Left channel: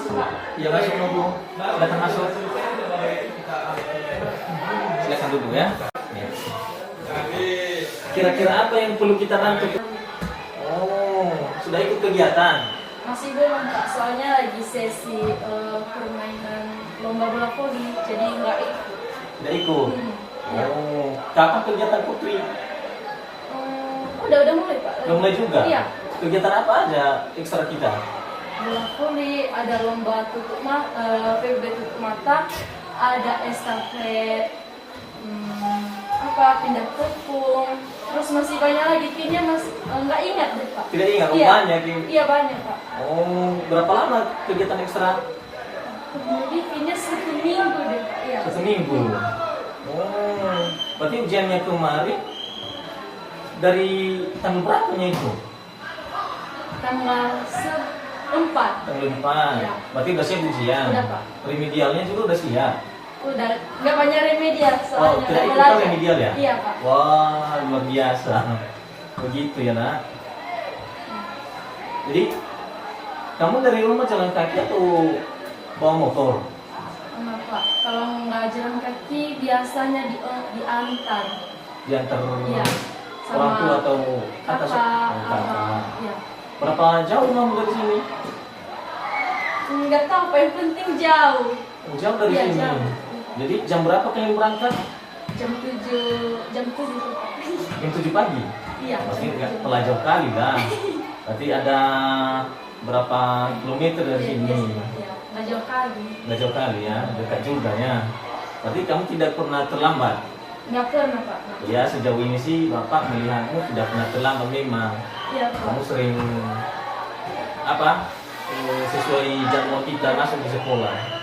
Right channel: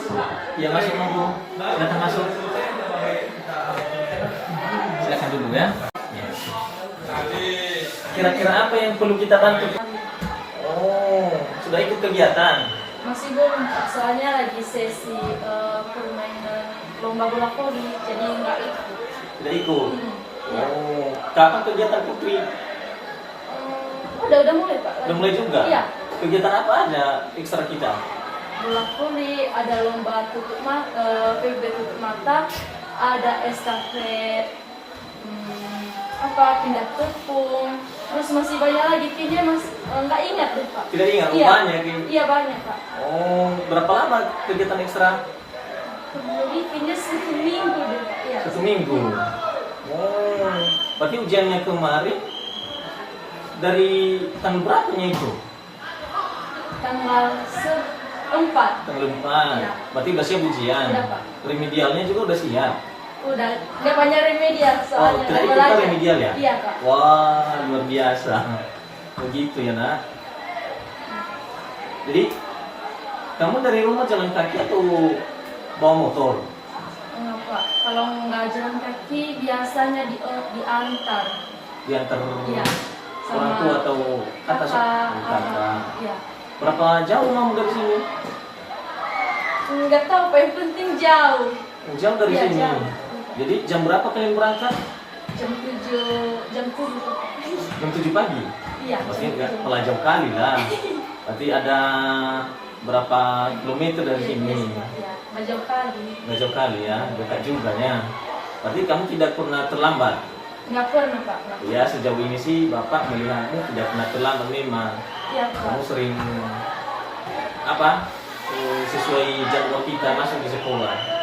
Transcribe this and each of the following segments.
masuk Pak. Ya masuk mau Bu. Silakan masuk. Silakan duduk ya. Kira-kira apa yang perlu kita bantu? Oh, sudah ikut kegiatan? Masih belum Pak, soalnya lagi sesi permainan lomba bola voli, jadi nggak ikut. Tidak ikut? Ya. Oh, kapan kegiatan Putri? Udah mulai Pak. Udah mulai juga? Iya. Kegiatan apa ada ekstra kita? Bola voli, ada lomba PB tutup mata, ada estafet, pindah tepung, terus masih banyak lagi, kayaknya masih nggak ingat deh Pak. Tidak ingat? Iya. Banyak? Iya banyak Pak. Oh, berapa lama kegiatan ekstra? Jadi kayaknya 1 minggu deh Pak. Iya. 1 minggu. Oh, berarti ujiannya kemarin dari tanggal berapanya itu? Tanggal 4. Tanggal 4. Iya. Berarti udah siap ujian. Udah, Pak. Remedialnya juga udah siap. Udah, nggak banyak remedial soalnya. Oh, tidak ikut belajar. remedial ya? Iya Pak. Wah, luar biasa. Begitu ya nak. Jadi kamu dari rumah jalan kaki atau bawa motor? Enggak Pak, kalau nggak jalan kaki biasanya diantar. Diantar Iya. orang tua atau atas? kakak. Oh, kakak. Iya. Berapa jauh kamu dari sini? Nggak tahu Pak, yang penting jauh. Jauh dari Iya, sini. jauh. Jadi jam berapa kalian berangkat? Jam 7 tuh Pak. Jam 7 pagi. Iya. Pasti jam nggak 7. telah jauh kali lah. Berarti ada berapa kilometer dari Iya, sini? iya, nggak jauh kali. Nggak jauh kali ya, dekat juga ya. Berarti kamu tidak pernah terlambat. Nggak pernah Pak. Nggak. Ya sejauh ini sih Bapak melihatmu tidak pernah terlambat memang. Iya Pak. Kamu sering sesuai jadwal kita masuk di sekolah.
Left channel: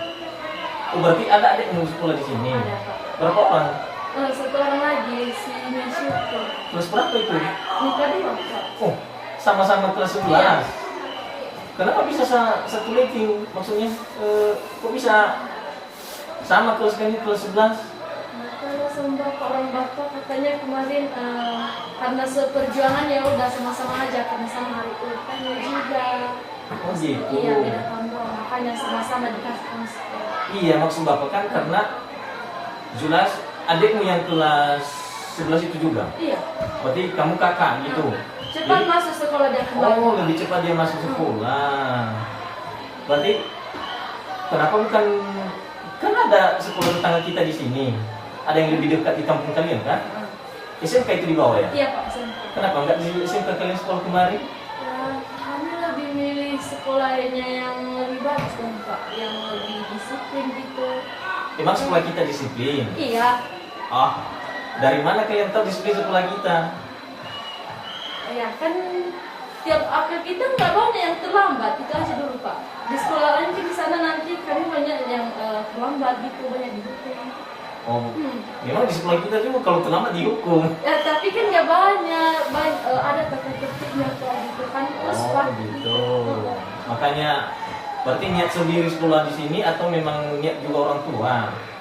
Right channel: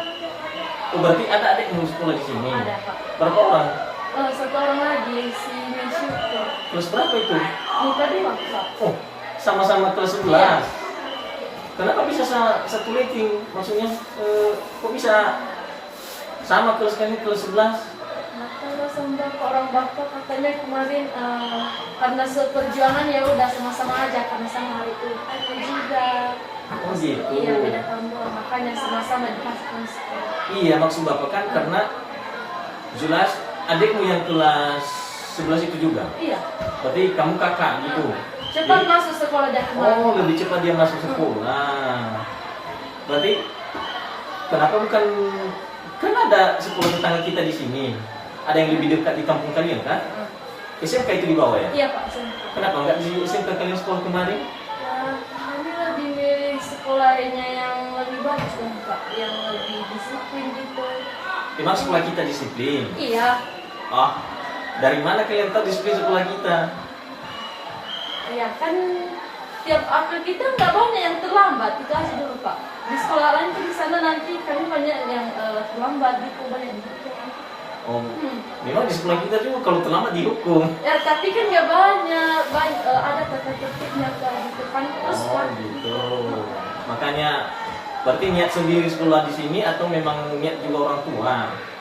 Oh berarti ada adik yang sekolah di sini. Ada Pak. Berapa orang? 1 orang lagi si Mensyukur. Kelas berapa itu? Nikah 2 Pak. Oh sama-sama kelas 11. Iya. Kenapa bisa satu rating? Maksudnya kok bisa sama kelas kalian kelas 11? Karena sama orang bapak katanya kemarin karena seperjuangan ya udah sama-sama aja karena sama hari ulangannya juga. Oh gitu. Iya beda tahun doang makanya sama-sama dikasih sekolah. Iya maksud Bapak kan karena jelas adikmu yang kelas 11 itu juga. Iya. Berarti kamu kakak gitu. Cepat Jadi- masuk sekolah dari kemarin. Oh lebih cepat dia masuk sekolah. Berarti kenapa bukan kan ada sekolah tetangga kita di sini. Ada yang lebih dekat di kampung kalian kan? SMK itu di bawah ya? Iya Pak. SMP. Kenapa nggak di SMK kalian sekolah kemarin? Kami lebih milih sekolahnya yang lebih bagus kan Pak, yang lebih disiplin gitu. Emang sekolah kita disiplin? Iya. Ah, dari mana kalian tahu disiplin sekolah kita? Ya kan tiap april kita nggak banyak yang terlambat, itu aja dulu Pak. Di sekolah lain di sana nanti kami banyak yang terlambat gitu, banyak dihukum. Oh, memang di sekolah kita juga kalau terlambat dihukum. Ya tapi kan nggak banyak, ada tata tertibnya Pak gitu kan. Terus Oh Pak, gitu. Makanya berarti niat sendiri sekolah di sini atau memang niat juga orang tua?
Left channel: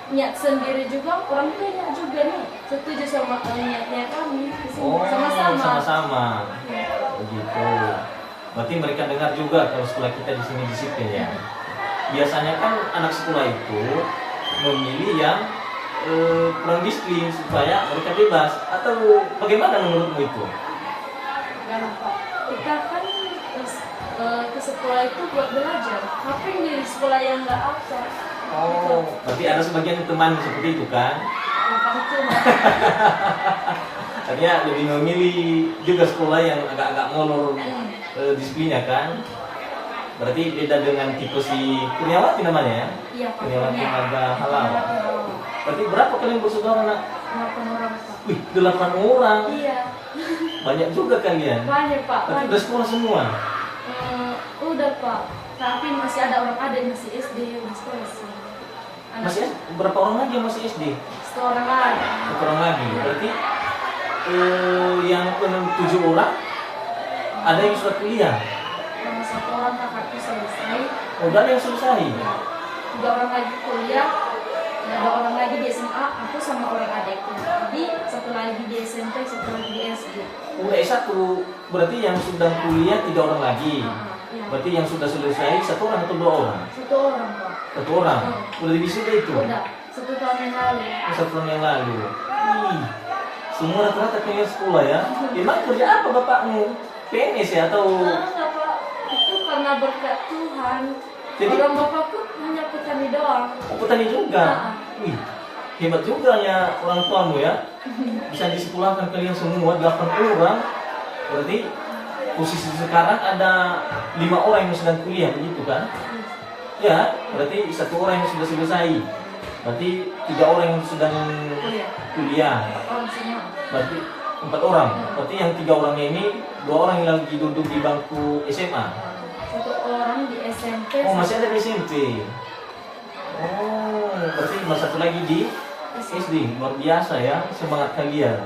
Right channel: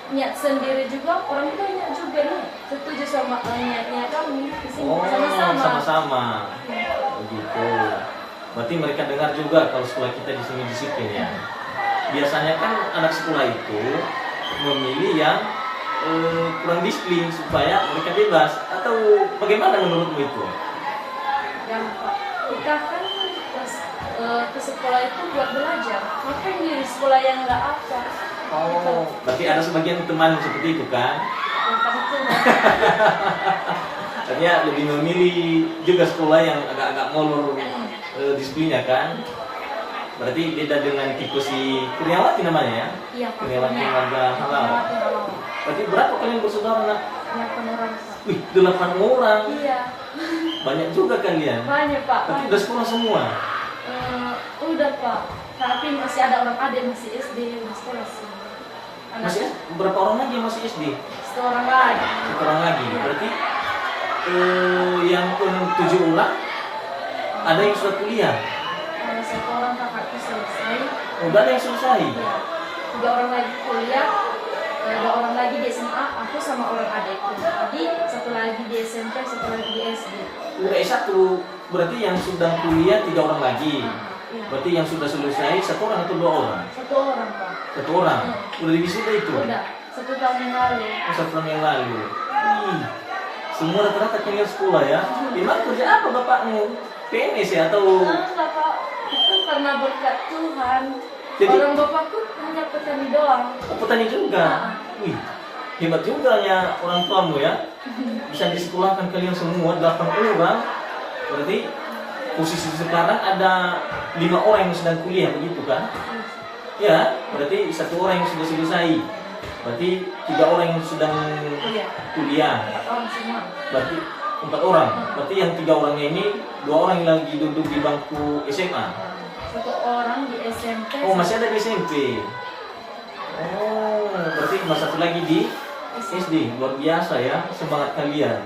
niat sendiri juga, orang tuanya juga nih setuju sama niatnya kami di sini Oh, sama-sama. sama-sama. Ya. Begitu. Berarti mereka dengar juga kalau sekolah kita di sini disiplin ya. Biasanya kan anak sekolah itu memilih yang kurang disiplin supaya mereka bebas atau bagaimana menurutmu itu? Dan Pak, kita kan ke sekolah itu buat belajar. Ngapain di sekolah yang nggak ada? Oh, tapi ada sebagian teman seperti itu kan? Yang itu Artinya lebih memilih juga sekolah yang agak-agak molor disiplinnya kan? Berarti beda dengan tipe si Kurniawati namanya ya? Iya Pak. Kurniawati Marga Halal. Kurniawati Halal. Berarti berapa kalian bersaudara nak? 8 orang Pak. Wih, 8 orang. Iya. Banyak juga kalian. Banyak Pak. Berarti Banyak. udah sekolah semua? Udah Pak. Tapi masih ada orang adik masih SD di sekolah sih. Masih berapa orang lagi yang masih SD? 1 orang lagi. 1 orang lagi. Iya. Berarti yang 7 orang ada yang sudah kuliah. Kalau 1 orang kakakku selesai. Udah ada yang selesai. Iya. 3 orang lagi kuliah. 2 orang lagi di SMA. Aku sama orang adikku. Jadi 1 lagi di SMP, 1 lagi di SD. Udah S1 berarti yang sudah kuliah 3 orang lagi. Iya. Berarti yang sudah selesai satu orang atau dua orang? Satu orang Pak. Satu orang. Udah di wisuda itu? Udah 1 tahun yang lalu. Oh, 1 tahun yang lalu. Ih, semua rata-rata kalian sekolah ya. Memang kerja apa bapakmu? PNS ya atau? Enggak Pak, itu karena berkat Tuhan. Jadi- Orang bapakku hanya petani doang. Oh, petani juga. Wih, hebat juga ya orang tuamu ya. Bisa disekolahkan kalian semua 8 orang. Berarti posisi sekarang ada 5 orang yang sedang kuliah begitu kan? Ya, berarti 1 orang yang sudah selesai. Berarti 3 orang yang sedang kuliah. 4 orang semua. Berarti 4 orang. Berarti yang 3 orangnya ini 2 orang yang lagi duduk di bangku SMA. 1 orang di SMP. Oh, masih ada di SMP. Oh, berarti mas 1 lagi di SD. Luar biasa ya, semangat kalian.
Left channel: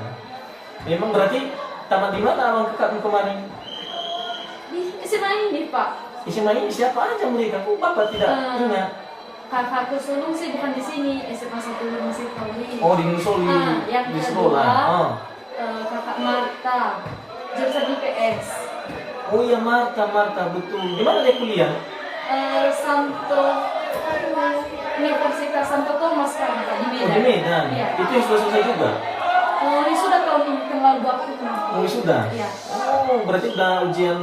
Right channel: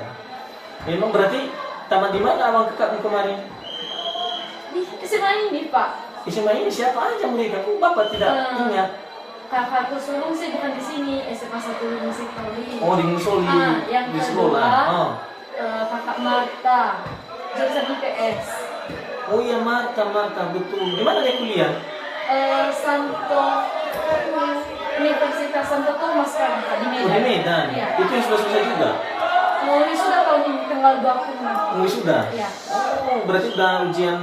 Memang berarti tamat di mana abang kakakmu kemarin? Di SMA ini Pak. SMA ini siapa aja mereka? Kok bapak tidak ingat? Kakakku sulung sih bukan di sini, SMA 1 Musik Tauli. Oh, di Musoli, yang di kedua, sekolah. Oh. Kakak Marta, jurusan IPS. Oh iya, Marta, betul. Di mana dia kuliah? Santo Universitas Santo Thomas kan Pak, di Medan. Oh, di Medan. Iya. Itu yang sudah selesai juga? Ini sudah tahun ini tanggal 20. Oh, sudah? Iya. Oh, berarti udah ujian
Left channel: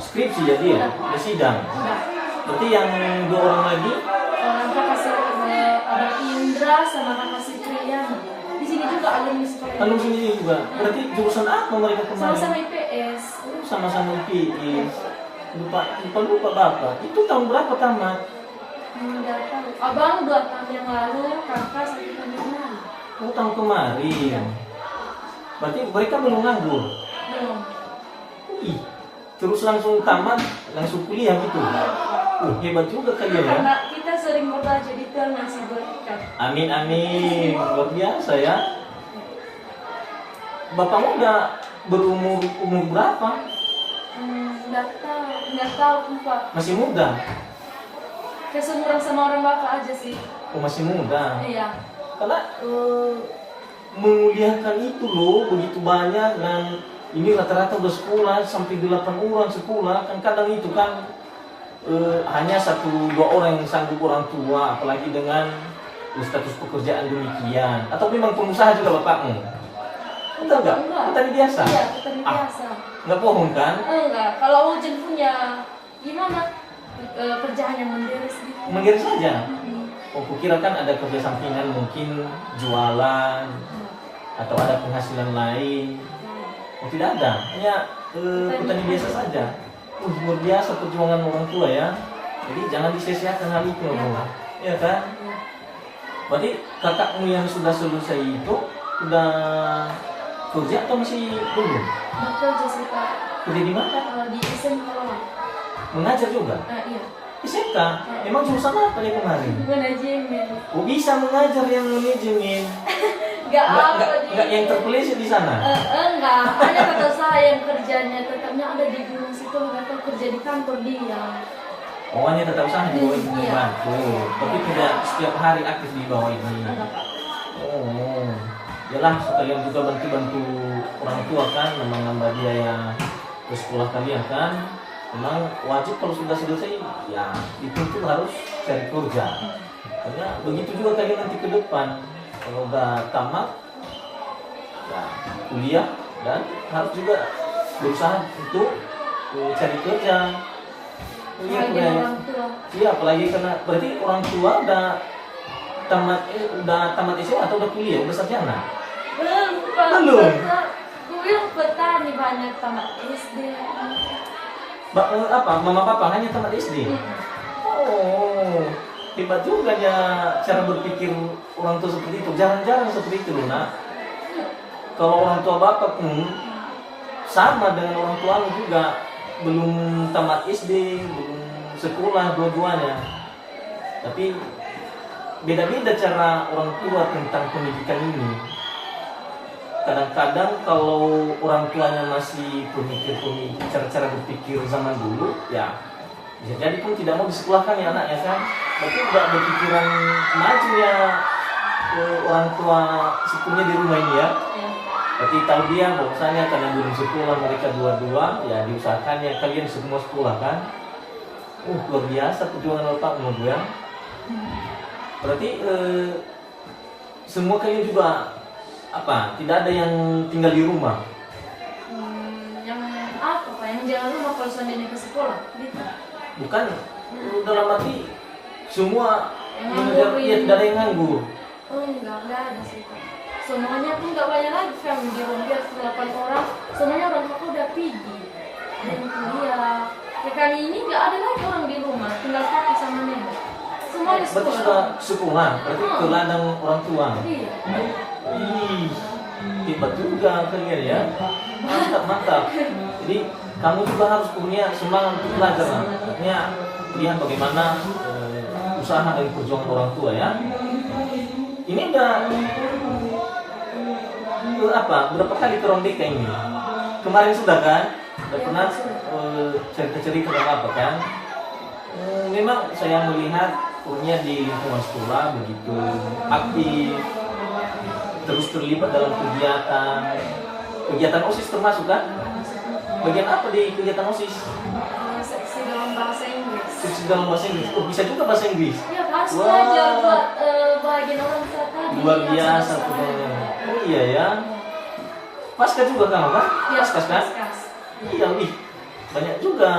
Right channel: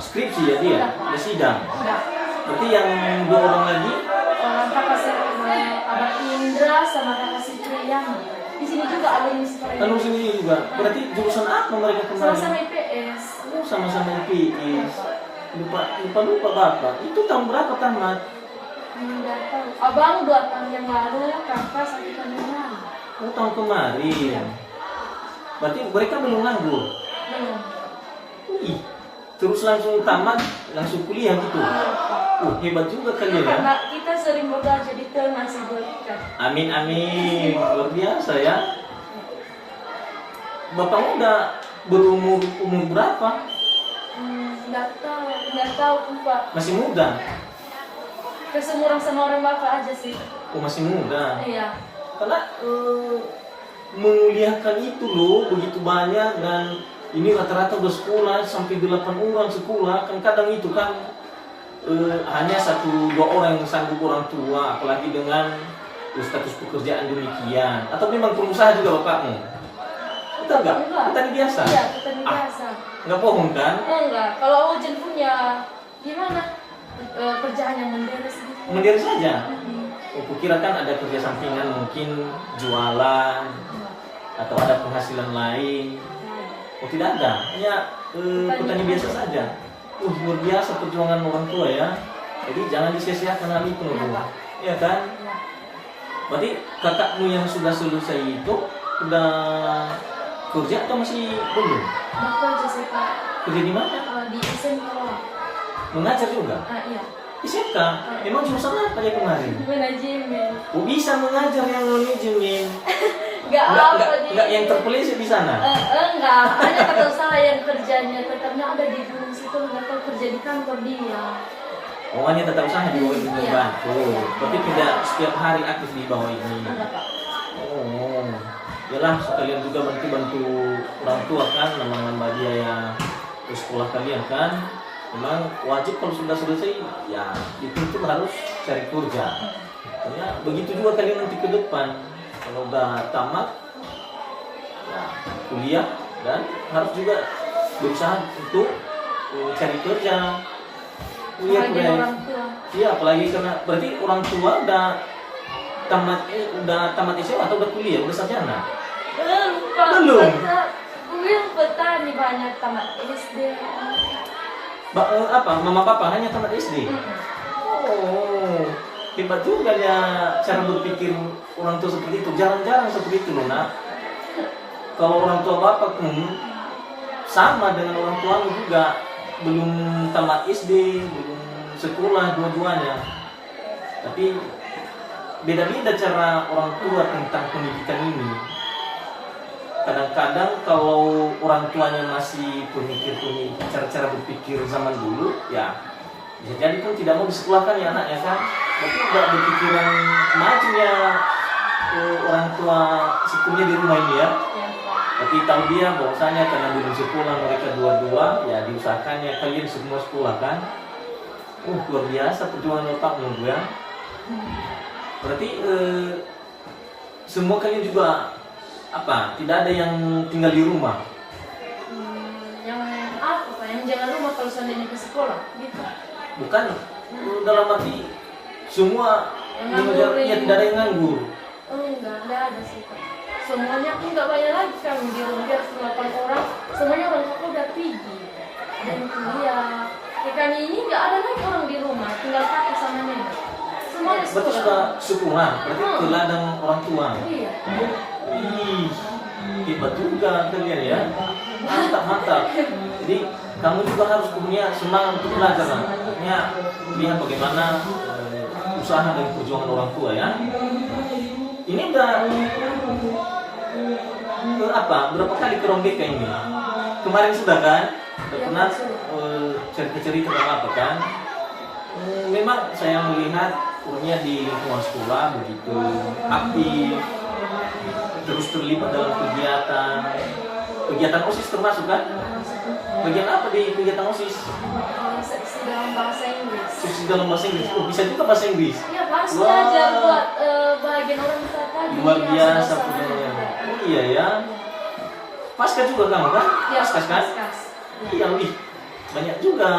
skripsi ya dia? Udah. Udah sidang? Udah. Berarti yang 2 orang lagi? Kakak Abang Indra sama kakak Cipriana. Di sini juga alumni sekolah. Lalu sini juga. Berarti jurusan apa mereka kemarin? Sama-sama IPS. Oh, sama-sama IPS. Lupa bapak. Itu tahun berapa tamat? Enggak tahu. Abang 2 tahun yang lalu, kakak 1 tahun yang lalu. Oh, tahun kemarin. Berarti mereka belum nganggur. Belum. Ih, terus langsung tamat, langsung kuliah gitu. Hebat juga kalian ya. Karena kita sering berdoa jadi Tuhan masih berkat. Amin, amin. Luar biasa ya. Bapakmu udah umur berapa? Enggak tahu Pak. Masih muda? Kesemuran sama orang bapak aja sih. Oh, masih muda. Iya. Karena menguliakan itu loh begitu banyak, dan ini rata-rata udah sekolah sampai 8 orang sekolah. Kan kadang itu kan hanya 1-2 orang yang sanggup orang tua, apalagi dengan status pekerjaan demikian. Atau memang pengusaha juga bapakmu? Enggak? Petani biasa? Iya, petani biasa. Enggak bohong kan? Enggak. Kalau Ujen punya gimana? Kerjaan yang menderes gitu. Mandiri saja? Oh, kukira kan ada kerja sampingan, mungkin jualan atau ada penghasilan lain. Oh, tidak ada, hanya petani biasa saja. Luar biasa perjuangan orang tua ya. Jadi jangan disia-siakan hal itu loh, Bu. Iya kan? Iya. Berarti kakakmu yang sudah selesai itu sudah kerja atau masih belum? Bekerja sih Pak. Kerja di mana? Di SMK. Mengajar juga? Iya. SMK? Emang jurusan apa ya kemarin? Manajemen. Oh, bisa mengajar yang manajemen? Enggak yang terpelisit di sana? Enggak, hanya kata usaha yang kerjanya tetapnya ada di gunung situ, atau kerja di kantor dia. Oh, hanya tetap usaha di bawah ibu Iya. bantu, tapi tidak setiap hari aktif di bawah ini. Enggak Pak. Oh, yalah sekalian juga bantu orang tua kan, nambah biaya ke sekolah kalian kan. Memang wajib kalau sudah selesai, ya itu harus cari kerja. Ya, begitu juga kalian nanti ke depan. Kalau udah tamat, ya kuliah, dan harus juga berusaha untuk cari kerja. Iya, Bahagia orang tua. iya, apalagi karena berarti orang tua udah tamat SMA atau udah kuliah, udah sarjana? Belum Pak. Belum? Belum petani banyak tamat SD. Apa? Mama papa hanya tamat SD? Oh, hebat juga ya cara berpikir orang tua seperti itu. Jarang-jarang seperti itu loh, Nak. Kalau orang tua bapak pun sama dengan orang tuamu juga, belum tamat SD, belum sekolah dua-duanya. Tapi beda-beda cara orang tua tentang pendidikan ini. Kadang-kadang kalau orang tuanya masih pemikir cara-cara berpikir zaman dulu, ya bisa jadi pun tidak mau disekolahkan ya anaknya kan. Tapi udah berpikiran maju ya orang tua sepenuhnya di rumah ini ya. Ya. Tapi tahu dia bahwasanya karena belum sekolah mereka dua-dua, ya diusahakannya kalian semua sekolah kan. Luar biasa perjuangan Bapak menurut ya. Berarti semua kalian juga apa? Tidak ada yang tinggal di rumah? Yang apa Pak? Yang jangan rumah kalau seandainya ke sekolah gitu. Bukan dalam arti semua Nganggur ya ini. tidak ada yang nganggur. Enggak ada sih Pak. Semuanya pun nggak banyak lagi kami di rumah biar 8 orang. Semuanya orang tua udah pergi. Ada yang kuliah. Ya kami ini nggak ada lagi orang di rumah, tinggal kakek sama nenek. Semuanya di Berarti sekolah. sudah sekolah, berarti ke ladang orang tua. Iya. Ih, hebat juga kalian ya. Mantap, mantap. Jadi kamu juga harus punya semangat untuk belajar lah. Artinya lihat bagaimana usaha dan perjuangan orang tua ya. Ini udah apa? Berapa kali ke Rombeka ini? Kemarin sudah kan? Udah pernah cerita-cerita sama apa kan? Memang saya melihat kurnya di lingkungan sekolah begitu aktif, terus terlibat dalam kegiatan OSIS termasuk kan? Bagian apa di kegiatan OSIS? Seksi dalam bahasa Inggris. Seksi dalam bahasa Inggris. Oh, bisa juga bahasa Inggris. Iya Pak, Wah. belajar buat bagian orang tua tadi. Luar yang biasa sama-sama. punya. Oh iya ya. Pasca juga kamu kan? Iya, Pasca kan? Paskas. Iya, wih. Banyak juga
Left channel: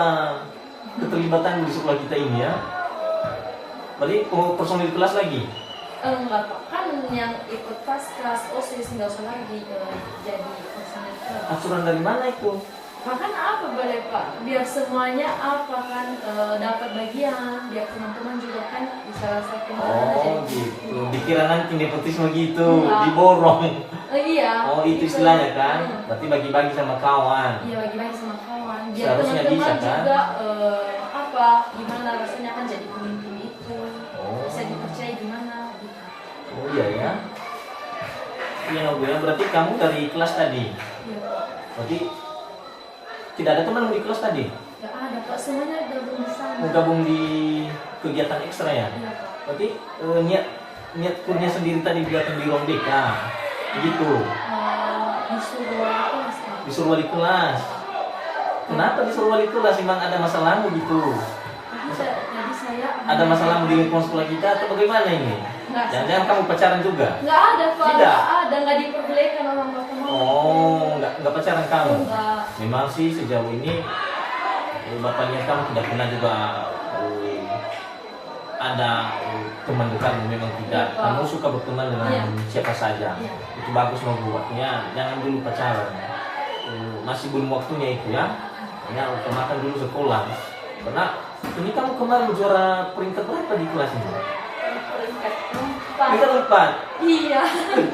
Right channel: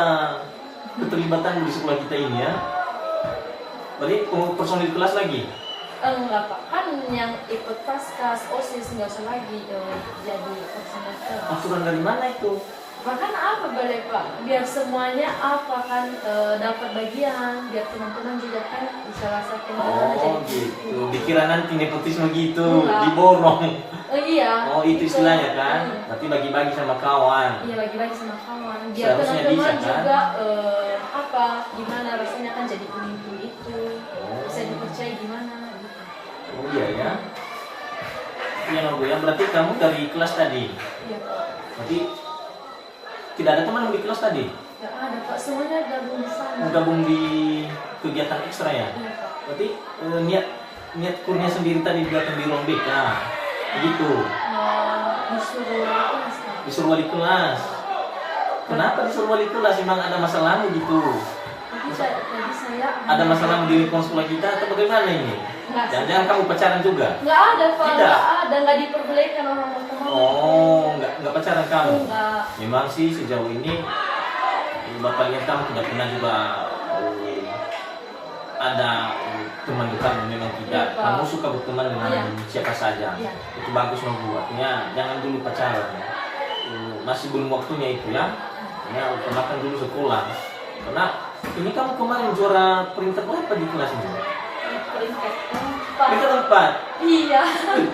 keterlibatan di sekolah kita ini ya. Berarti personil kelas lagi? Enggak Pak, kan yang ikut Paskas, OSIS nggak usah lagi jadi personel kelas. Aturan dari mana itu? Bahkan apa boleh Pak, biar semuanya apa kan dapat bagian, biar teman-teman juga kan bisa rasa Oh gitu. Dikira nanti nepotisme gitu, Enggak. diborong. Iya. Oh itu istilahnya kan? Hmm. Berarti bagi-bagi sama kawan. Iya bagi-bagi sama kawan. Biar Seharusnya teman-teman bisa, kan? juga apa gimana rasanya kan jadi pemimpin itu, Oh. bisa dipercaya gimana gitu. Oh iya ya. Iya Nobu ya. Berarti kamu dari kelas tadi. Iya. Berarti tidak ada teman di kelas tadi? Gak ada Pak, semuanya gabung di sana. Mau gabung di kegiatan ekstra ya? Iya Pak. Berarti niat kurnya sendiri tadi datang di Rombeka. Begitu. Disuruh wali kelas Pak. Disuruh wali kelas. Kenapa disuruh wali kelas? Emang ada masalahmu gitu? Tadi saya Ada masalahmu di lingkungan sekolah kita atau bagaimana ini? Enggak. Jangan-jangan kamu pacaran juga? Nggak ada Pak, Tidak. nggak ada, nggak diperbolehkan orang berteman. Oh, nggak pacaran kamu? Enggak. Memang sih sejauh ini Bapak lihat kamu tidak pernah juga ada teman dekatmu, memang tidak. Iya, Pak. Kamu suka berteman dengan Iya. siapa saja. Iya. Itu bagus Nobu. Artinya jangan dulu pacaran. Masih belum waktunya itu ya. Artinya utamakan dulu sekolah. Karena ini kamu kemarin juara peringkat berapa di kelas ini? Peringkat 4. Peringkat 4. Iya.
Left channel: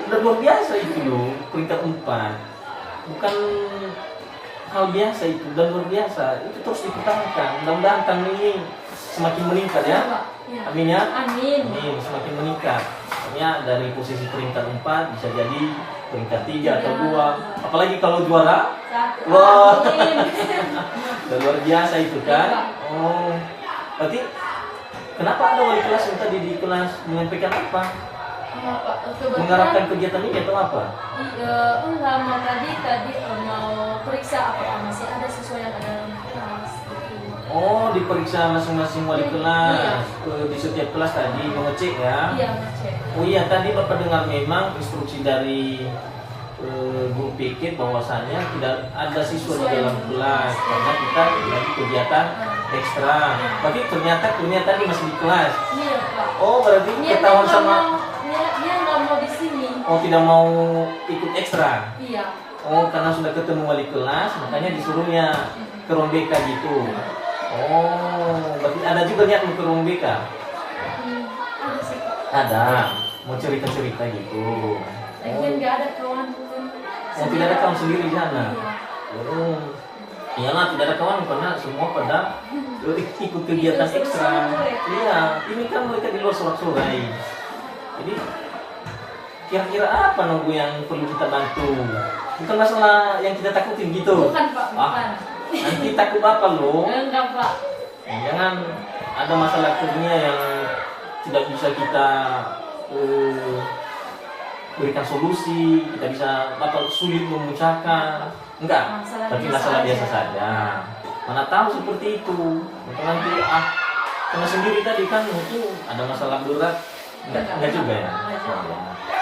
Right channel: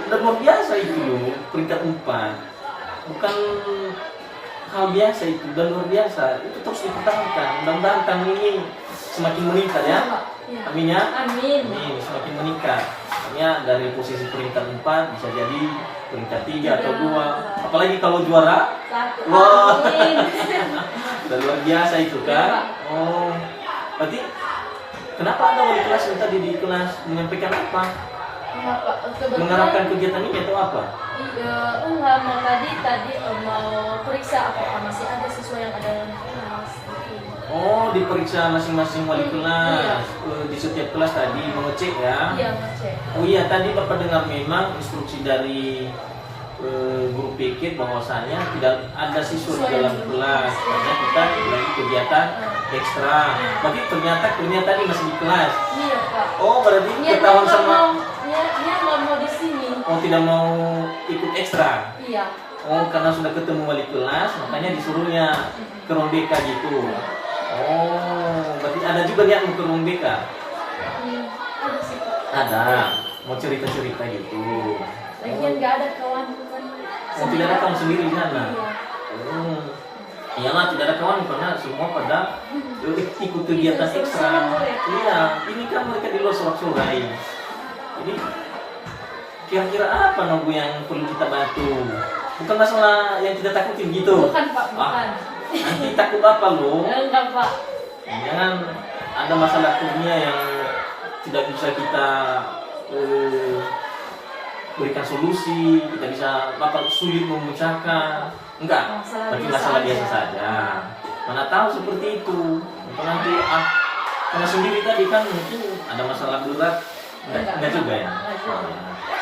Udah luar biasa itu loh, peringkat 4. Bukan hal biasa itu, dan luar biasa. Itu terus dipertahankan. Mudah-mudahan tahun ini semakin meningkat ya. Pak. Iya. Amin ya. Amin. Amin, semakin meningkat. Artinya dari posisi peringkat 4 bisa jadi peringkat 3 atau 2. Apalagi kalau juara. 1. Wah. Amin. Udah luar biasa itu kan. Iya, Pak. Oh. Berarti kenapa ada wali kelas yang tadi di kelas menyampaikan apa? Enggak Pak, kebetulan Mengarahkan kegiatan ini atau apa? enggak mau tadi mau periksa apakah masih ada siswa yang ada dalam kelas gitu. Oh, diperiksa masing-masing wali kelas. Di setiap kelas tadi mengecek ya. Iya, ngecek. Oh iya, tadi Bapak dengar memang instruksi dari guru pikir bahwasanya tidak ada siswa di dalam kelas karena kita lagi kegiatan ekstra. Berarti ternyata tadi masih di kelas. Iya Pak. Oh, berarti ketahuan sama. Dia nggak mau di sini. Oh, tidak mau ikut ekstra. Iya. Oh, karena sudah ketemu wali kelas, makanya disuruhnya ke Rombeka gitu. Oh, berarti ada juga niat mau ke Rombeka? Ada sih Pak. Ada, mau cerita-cerita gitu. Lagian nggak ada kawan kan. Oh, tidak ada kawan sendiri di sana? Iya. Oh, iyalah tidak ada kawan karena semua pada ikut kegiatan ekstra. Iya, ini kan mereka di luar sorak-sorai. Jadi kira-kira apa Nobu yang perlu kita bantu? Bukan masalah yang kita takutin gitu. Bukan Pak, bukan. Nanti takut apa lo? Enggak Pak. Jangan ada masalah dunia yang tidak bisa kita berikan solusi, kita bisa Bapak sulit memecahkan. Enggak, tapi masalah biasa saja. Mana tahu seperti itu. Atau nanti karena sendiri tadi kan mungkin ada masalah berat. Enggak juga ya.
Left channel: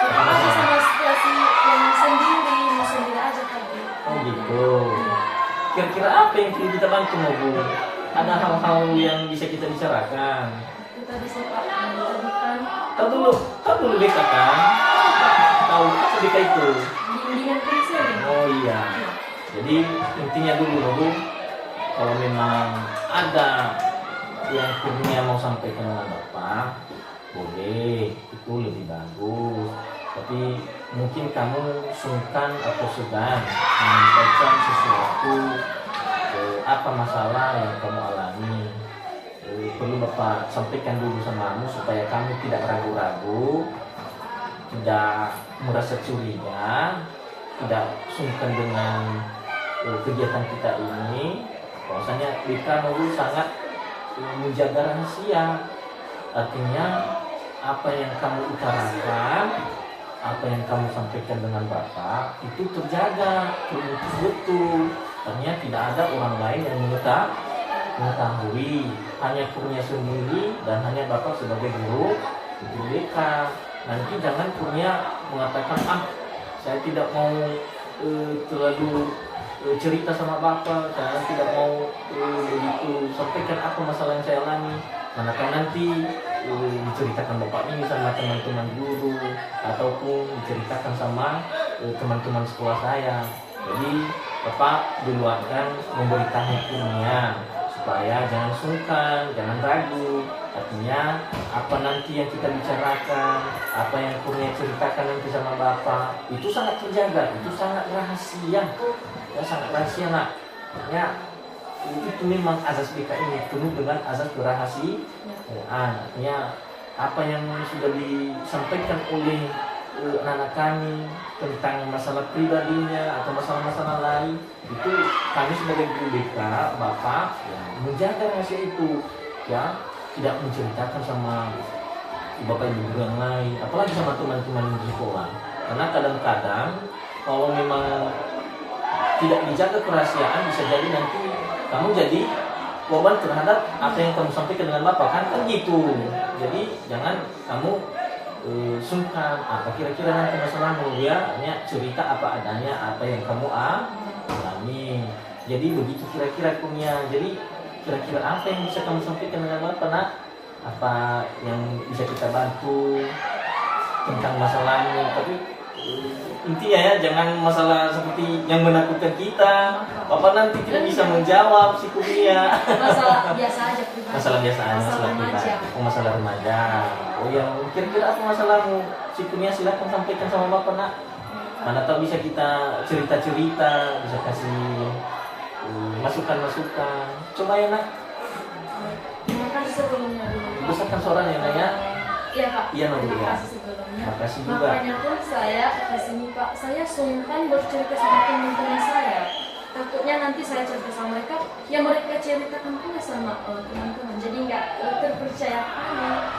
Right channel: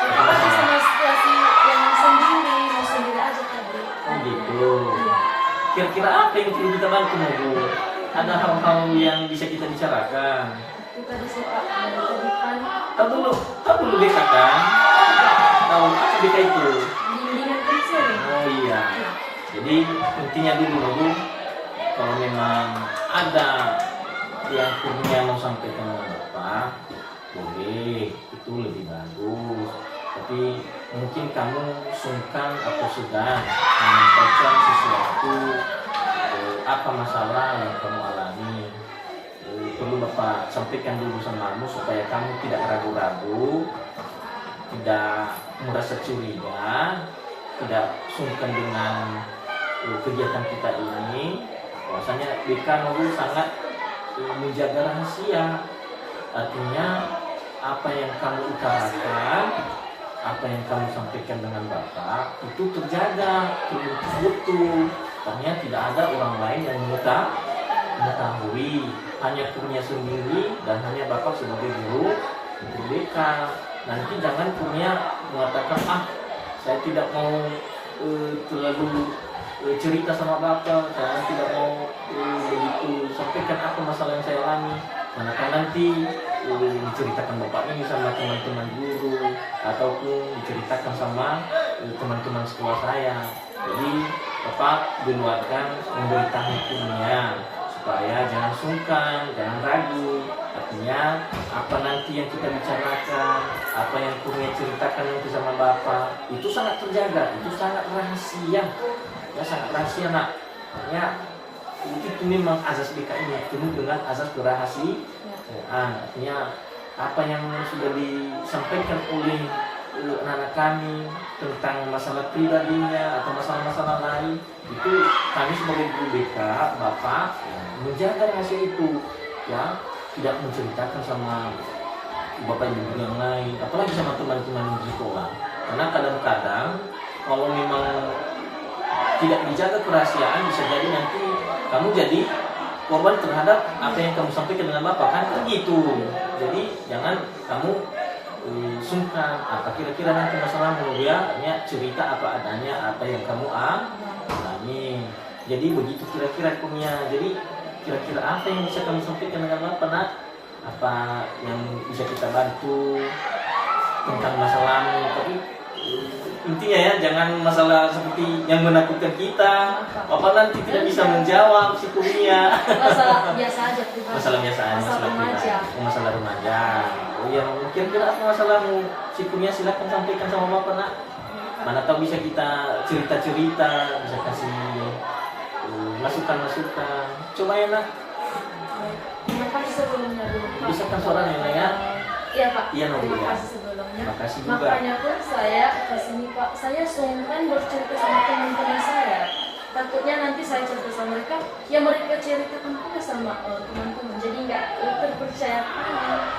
Apa aja sama situasi yang sendiri, mau sendiri aja tadi. Oh gitu. Iya. Kira-kira apa yang perlu kita bantu Bu? Ada hal-hal yang bisa kita bicarakan. Kita bisa Pak memberikan Tahu dulu BK kan? Tahu apa BK itu? bimbingan konseling. Oh iya. Jadi intinya dulu kalau memang ada yang kurnia mau sampaikan dengan Bapak, boleh, itu lebih bagus. Tapi mungkin kamu sungkan atau segan menyampaikan sesuatu apa masalah yang kamu alami. Perlu Bapak sampaikan dulu sama kamu supaya kamu tidak ragu-ragu, tidak merasa curiga, tidak sungkan dengan kegiatan kita ini. Bahwasanya BK Nurul sangat menjaga rahasia. Artinya apa yang kamu utarakan, apa yang kamu sampaikan dengan Bapak itu terjaga, betul. Artinya tidak ada orang lain yang mengetahui, hanya kurnia sendiri dan hanya Bapak sebagai guru BK. Nanti jangan kurnia mengatakan saya tidak mau terlalu cerita sama Bapak, saya tidak mau begitu sampaikan apa masalah yang saya alami. Manakala nanti diceritakan Bapak ini sama teman-teman guru ataupun diceritakan sama teman-teman sekolah saya. Jadi Bapak duluarkan memberitahu kurnia supaya jangan sungkan, jangan ragu. Artinya apa nanti yang kita bicarakan, apa yang kurnia ceritakan nanti sama Bapak itu sangat terjaga, itu sangat rahasia. Ya sangat rahasia nak. Ya itu memang azas BK ini penuh dengan azas kerahasiaan. Artinya apa yang sudah disampaikan oleh anak-anak kami tentang masalah pribadinya atau masalah-masalah lain itu kami sebagai guru BK Bapak menjaga rahasia itu, ya tidak menceritakan sama Bapak ibu yang lain, apalagi sama teman-teman di sekolah. Karena kadang-kadang kalau memang tidak dijaga kerahasiaan bisa jadi nanti kamu jadi korban terhadap apa yang kamu sampaikan dengan Bapak kan gitu. Jadi jangan kamu sungkan apa kira-kira nanti masalahmu, ya hanya cerita apa adanya, apa yang kamu alami. Jadi begitu kira-kira kurnia. Jadi kira-kira apa yang bisa kamu sampaikan dengan Bapak nak? Apa yang bisa kita bantu tentang masalahmu? Tapi intinya ya jangan masalah seperti yang menakutkan kita. Bapak nanti tidak bisa menjawab si kuliah. Masalah biasa aja pribadi. Masalah biasa aja, masalah remaja. Masalah remaja. Oh iya, kira-kira apa masalahmu? Si kuliah silakan sampaikan sama Bapak nak. Mana tahu bisa kita cerita-cerita, bisa kasih masukan-masukan. Coba ya nak. Terima kasih sebelumnya dulu. Besarkan suaranya nak ya. Iya Pak. Iya Nak. Terima kasih sebelumnya. Makasih juga. Makanya pun saya kesini Pak, saya sungkan bercerita sama teman-teman saya. Takutnya nanti saya cerita sama mereka, ya mereka ceritakan pula sama teman-teman. Jadi nggak terpercaya.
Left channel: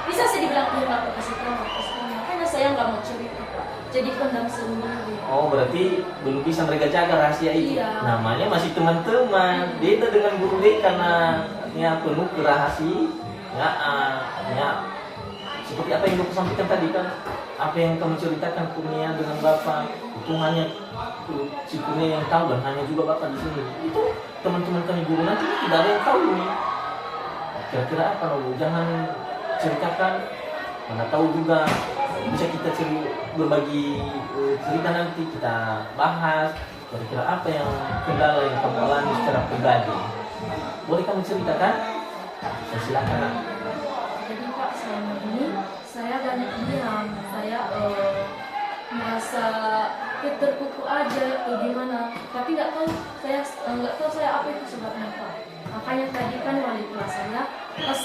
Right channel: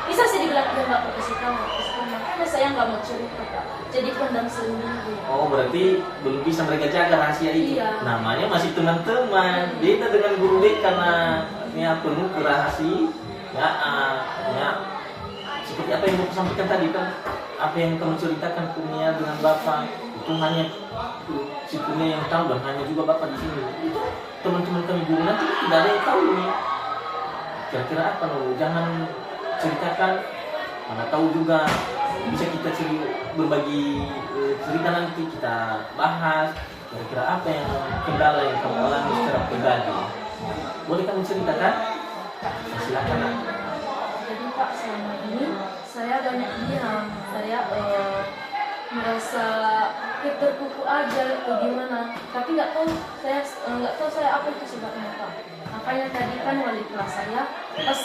Bisa saya dibilang dia nggak kasih tahu, makanya saya nggak mau cerita Pak. Jadi pendam sendiri. Oh berarti belum bisa mereka jaga rahasia itu. Iya. Namanya masih teman-teman. Beda dengan guru BK karena penuh kerahasiaan. Ya, seperti apa yang Bapak sampaikan tadi kan, apa yang kamu ceritakan kurnia dengan Bapak itu hanya si kurnia yang tahu dan hanya juga Bapak di sini. Itu teman-teman kami guru nanti tidak ada yang tahu nih. Kira-kira apa dulu? Jangan ceritakan, mana tahu juga bisa kita berbagi cerita nanti kita bahas. Kira-kira apa yang kendala yang kamu alami secara pribadi? Boleh kamu ceritakan? Silakan. Jadi Pak, selama ini saya banyak diam, saya merasa terkuku aja gimana, tapi nggak tahu saya apa itu sebabnya Pak. Makanya tadi kan wali kelas saya pas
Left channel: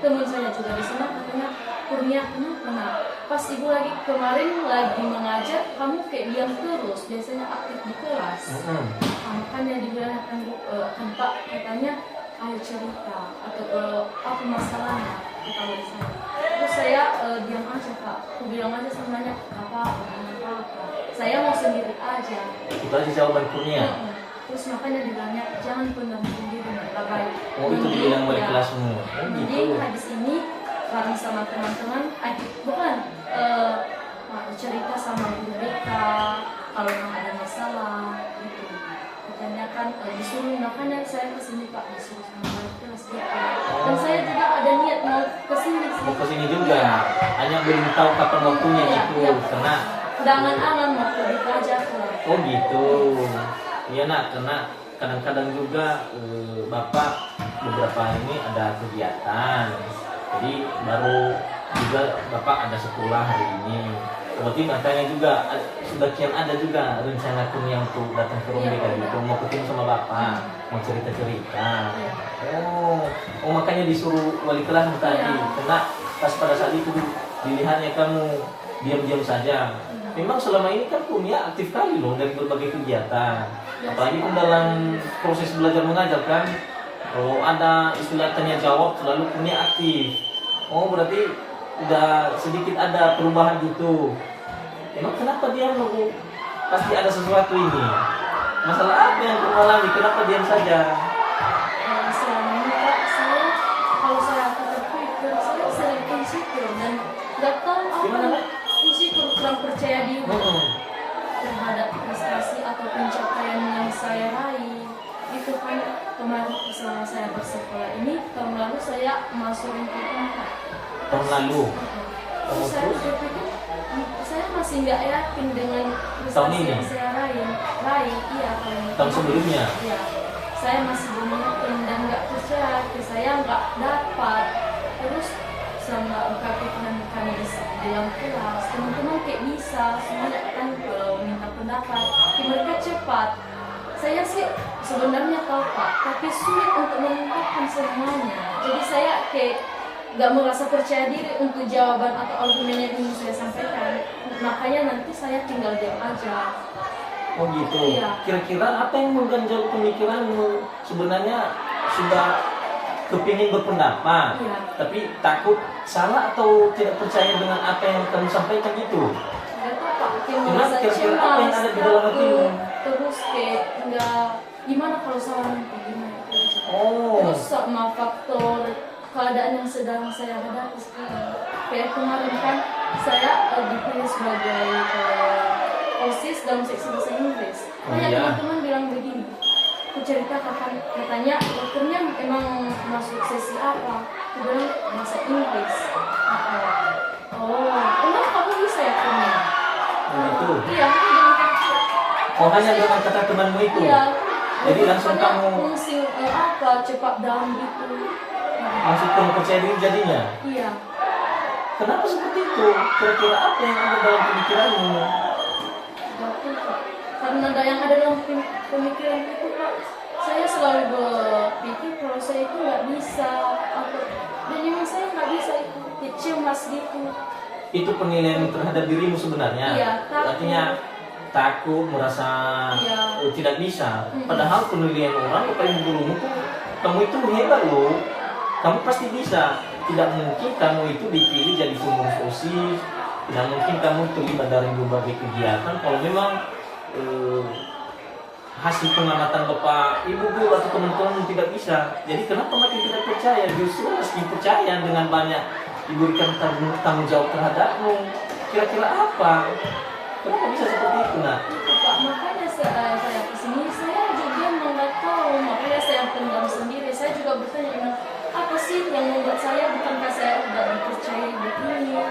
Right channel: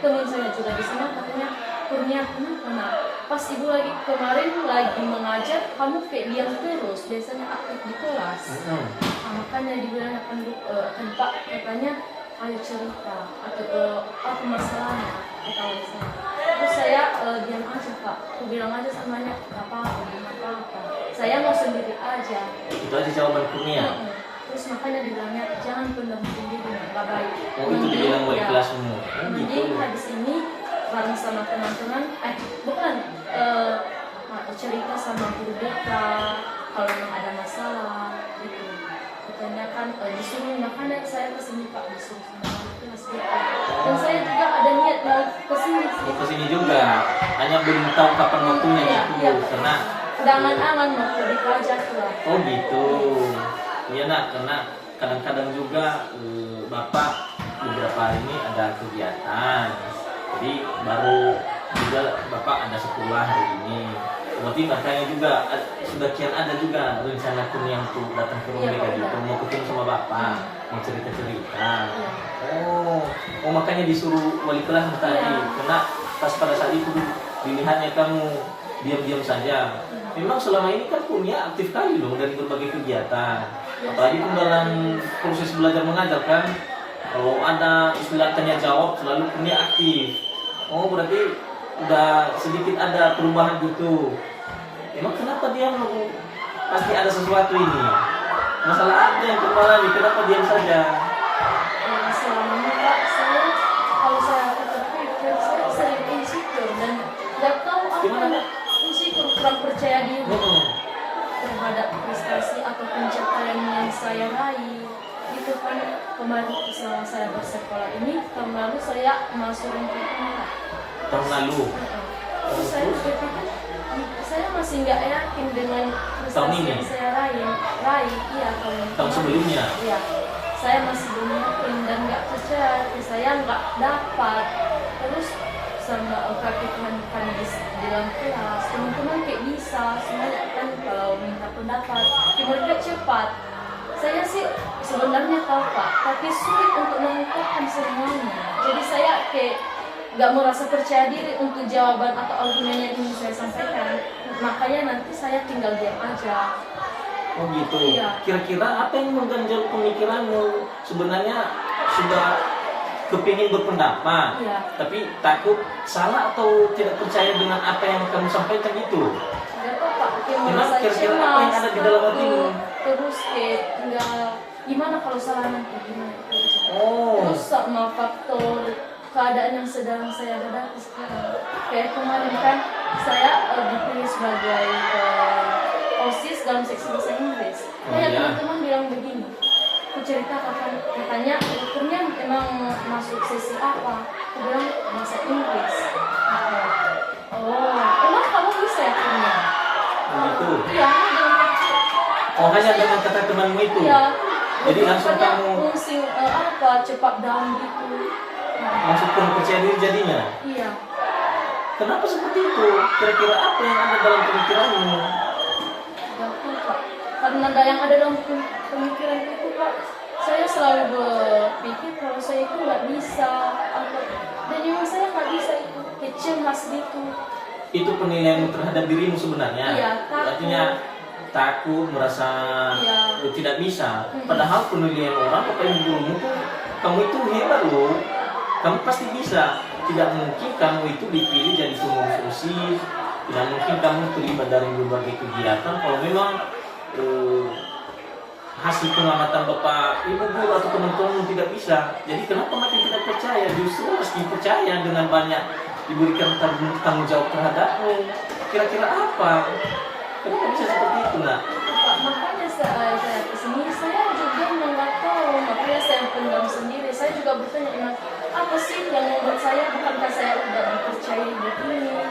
teman saya juga di sana katanya kurnia kenapa? Pas ibu lagi kemarin lagi mengajar kamu kayak diam terus, biasanya aktif di kelas. Makanya dibilang kan Pak katanya ayo cerita atau apa masalahnya, kata wali saya. terus saya diam aja Pak, aku bilang aja semuanya nggak apa-apa, nggak apa-apa, saya mau sendiri aja. Itu aja jawaban Kurnia. Terus makanya dibilangnya jangan pendam sendiri, nggak baik. Oh itu dibilang wali Ya, kelasmu. Oh jadi gitu. habis ini bareng sama teman-teman, bukan cerita sama guru BK kalau memang ada masalah gitu. Ditanyakan, disuruh makanya saya kesini Pak, disuruh sama wali kelas gitu. Dan saya juga ada niat mau kesini sih. Mau kesini juga. Hanya belum tahu kapan waktunya Iya, itu. iya. Karena Dengan angan mau pergi pelajar lah. oh gitu. Iya nak, karena kadang-kadang juga Bapak beberapa hari ini ada kegiatan. Jadi baru juga Bapak ada sekolah hari ini. Berarti makanya juga sebagian ada juga rencana Kurnia untuk datang ke rumah Iya, tadi, udah. mau ketemu sama Bapak, mau cerita-cerita. Iya. Oh makanya disuruh wali kelas tadi. Iya. Karena pas pada saat itu dilihatnya kamu diam-diam saja. Memang selama ini kan Kurnia aktif kali loh dari berbagai kegiatan. Apalagi pun dalam proses belajar mengajar kan, kalau ada istilah tanya jawab selalu Kurnia aktif. Oh berarti udah sedikit ada perubahan gitu. Emang kenapa dia mau pasti ada sesuatu ini? Masalah apa yang kamu alami? Kenapa diam saja? Selama ini Pak, saya kalau saya terpikir saya sering insecure dan nggak tahu apa. Gimana, Pak? Insecure, kurang percaya diri Mm-mm. terhadap prestasi atau pencapaian yang saya raih. Itu kan kemarin selama saya bersekolah ini, tahun lalu saya masuk lingkungan. Tahun lalu. Terus saya berpikir, saya masih nggak yakin dengan Tahun prestasi ini? yang saya raih. Iya, Tahun sebelumnya? Iya, saya masih belum yakin dan nggak percaya, saya nggak dapat. Terus sama prakteknya kami di dalam kelas, teman-teman kayak bisa, semuanya kan kalau minta pendapat, mereka cepat. Saya sih sebenarnya tahu Pak, tapi sulit untuk mengungkapkan semuanya. Jadi saya kayak nggak merasa percaya diri untuk jawaban atau argumen yang ingin saya sampaikan. Makanya nanti saya tinggal diam aja. Oh gitu. Iya. Kira-kira apa yang mengganjal pemikiranmu? Sebenarnya sudah kepingin berpendapat, Iya. tapi takut salah atau tidak percaya dengan apa yang kamu sampaikan itu. Nggak apa-apa, kayak Emang merasa kira-kira apa yang cemas, ada di dalam takut, hatimu? terus kayak nggak gimana kalau salah nanti gimana? Oh. Terus sama faktor keadaan yang sedang saya hadapi sekarang. Kayak kemarin kan saya dipilih sebagai OSIS dalam seksi bahasa Inggris. Oh, Banyak iya. teman-teman bilang begini. Aku cerita katanya ukurnya emang masuk sesi apa? Aku bilang bahasa Inggris. Oh, emang kamu bisa ya Kurnia? Begitu. Iya, aku bilang gitu. Oh hanya dengan kata temanmu itu. Iya. Jadi langsung Banyak kamu fungsi apa cepat dalam gitu. langsung kamu percaya diri jadinya. Iya. Kenapa seperti itu? Kira-kira apa yang ada dalam pemikiranmu? Gak tahu Pak. Karena yang ada dalam pemikiran itu Pak, saya selalu berpikir kalau saya itu nggak bisa atau dan memang saya nggak bisa itu cemas gitu. Itu penilaian terhadap dirimu sebenarnya. Iya, takut. Artinya takut, merasa Iya. tidak bisa. Mm-mm. Padahal penilaian orang bapak ibu gurumu tuh kamu itu hebat loh. Kamu pasti bisa. Tidak mungkin kamu itu dipilih jadi pengurus OSIS. Tidak mungkin kamu terlibat dari berbagai kegiatan kalau memang hasil pengamatan bapak ibu guru atau teman-teman tidak bisa. Jadi kenapa makin tidak percaya? Justru meski percaya dengan banyak diberikan tanggung jawab terhadapmu. Kira-kira apa? Kenapa bisa seperti itu nak? Itu Pak, makanya saya kesini saya juga nggak tahu, makanya saya pendam sendiri. Saya juga bertanya apa sih yang membuat saya, bukankah saya udah dipercaya begini?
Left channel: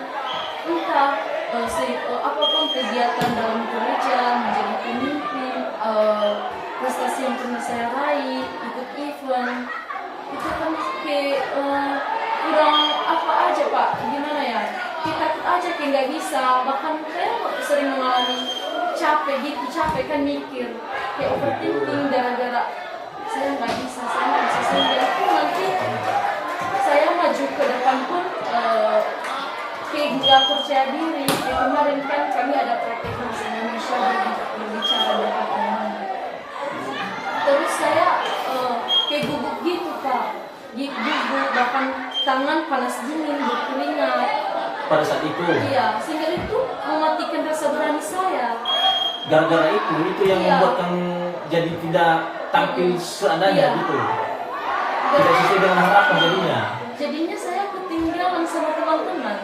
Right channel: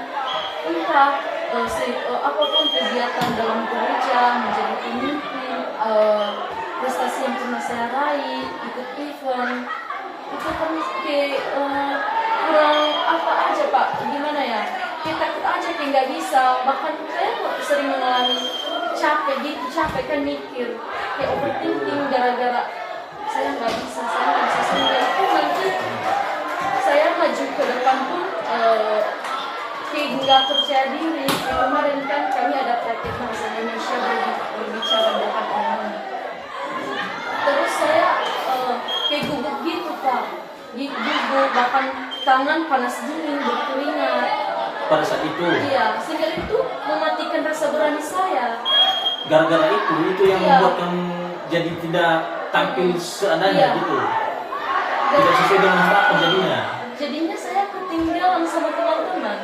Entah apapun kegiatan dalam gereja, menjadi pemimpin, prestasi yang pernah saya raih, ikut event, itu kan kayak kurang apa aja Pak, gimana ya? Kita takut aja kayak nggak bisa, bahkan saya sering mengalami capek kan mikir, kayak overthinking gara-gara saya nggak bisa, sehingga itu nanti saya maju ke depan pun kayak nggak percaya diri. Kayak kemarin kan kami ada praktek bahasa Indonesia berbicara depan umum. Terus saya kayak gugup gitu Pak, gugup, bahkan tangan panas dingin, berkeringat. pada saat itu. Iya, sehingga itu mematikan rasa berani saya. Gara-gara itu yang Iya. membuat kamu jadi tidak tampil seadanya Iya. gitu. Tidak sesuai dengan harapan jadinya. Jadinya saya ketinggalan sama teman-teman.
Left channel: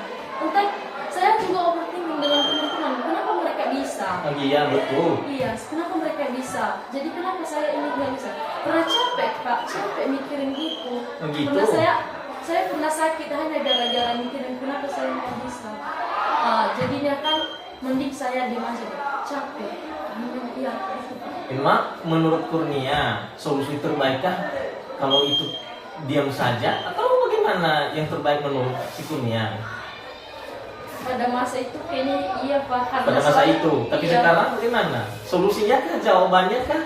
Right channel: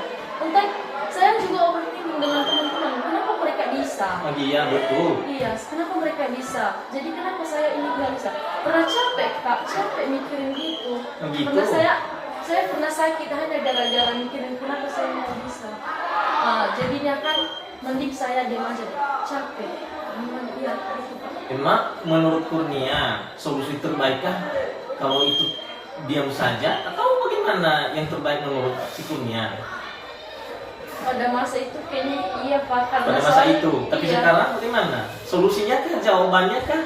Entah, saya juga overthinking dengan teman-teman. Kenapa mereka bisa? Lagi ya betul. Iya, kenapa mereka bisa? Jadi kenapa saya ini nggak bisa? Pernah capek kak, capek mikirin gitu. Begitu. Pernah saya pernah sakit hanya gara-gara mikirin kenapa saya nggak bisa. Jadinya kan mending saya diam aja deh. Capek. Gimana iya itu Pak. Memang menurut Kurnia solusi terbaikkah kalau itu diam saja atau bagaimana yang terbaik menurut si Kurnia Pada masa itu kayaknya iya Pak. Karena pada masa soalnya- itu? Tapi iya. sekarang bagaimana? Solusinya kah? Jawabannya kah?